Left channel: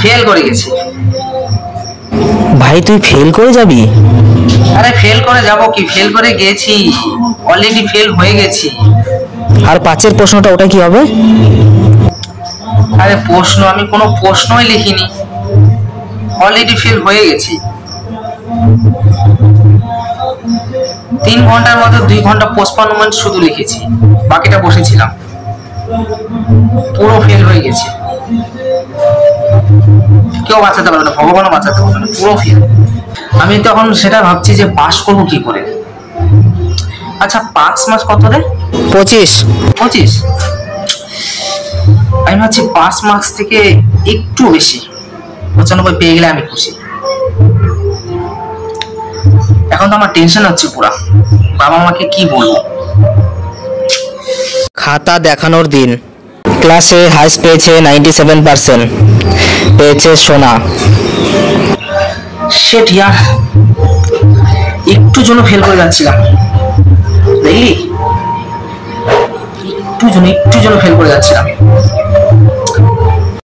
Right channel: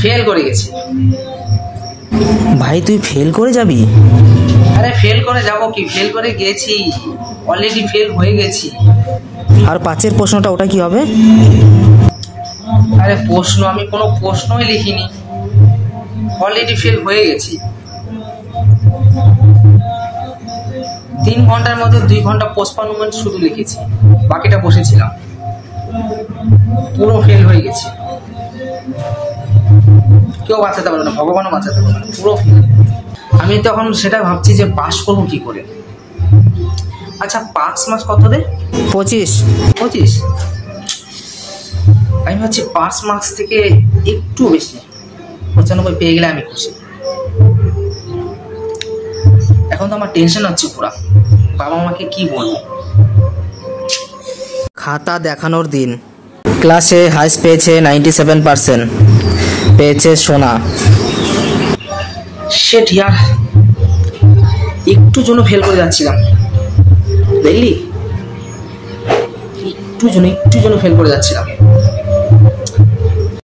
Fail করে গেছি। ভাই তুই ফেল করে যাবি? আরে ফেল করে যাব কি, ফেল করে গেছি, অলরেডি ফেল হয়ে গেছি। আর 5-এর প্রশ্নটা ওটা কি হবে? আরে প্রশ্ন, আমি কোনো প্রশ্নই লিখিনি, অলরেডি ফেল হয়ে গেছি। 3 ঘন্টার মধ্যে 2 ঘন্টা পোস্টপোনমেন্ট শুধু লিখেছি, বাকিটা বসেছিলাম। পুরো ফেল হয়ে গেছে, কেউ বাঁচাতে পারবে না, ভগবানও বাঁচাতে পারবে না, পুরো ফেল। আমি তখন সেটা ভাবছি যে পাস করবো কি করে। আচ্ছা পাস মার্কস কত রে? 25। 25? আমি ভাবছি পাস মার্কস থেকে একটু বেশি, 95 পেয়ে গেলে আমি খুশি। এখন তো আমার টেনশন হচ্ছে পুরা, বাবা মাকে কি বলবো। খাতা দেখানোর দিন। ক্লাসে হাইস্ট পেয়েছে 97%, পেয়েছে সোনা। শিট ইয়ার, একটু জন্য ফেল করে যাচ্ছিলাম, দেখলি, একটু জন্য ফেল করে যাচ্ছিলাম।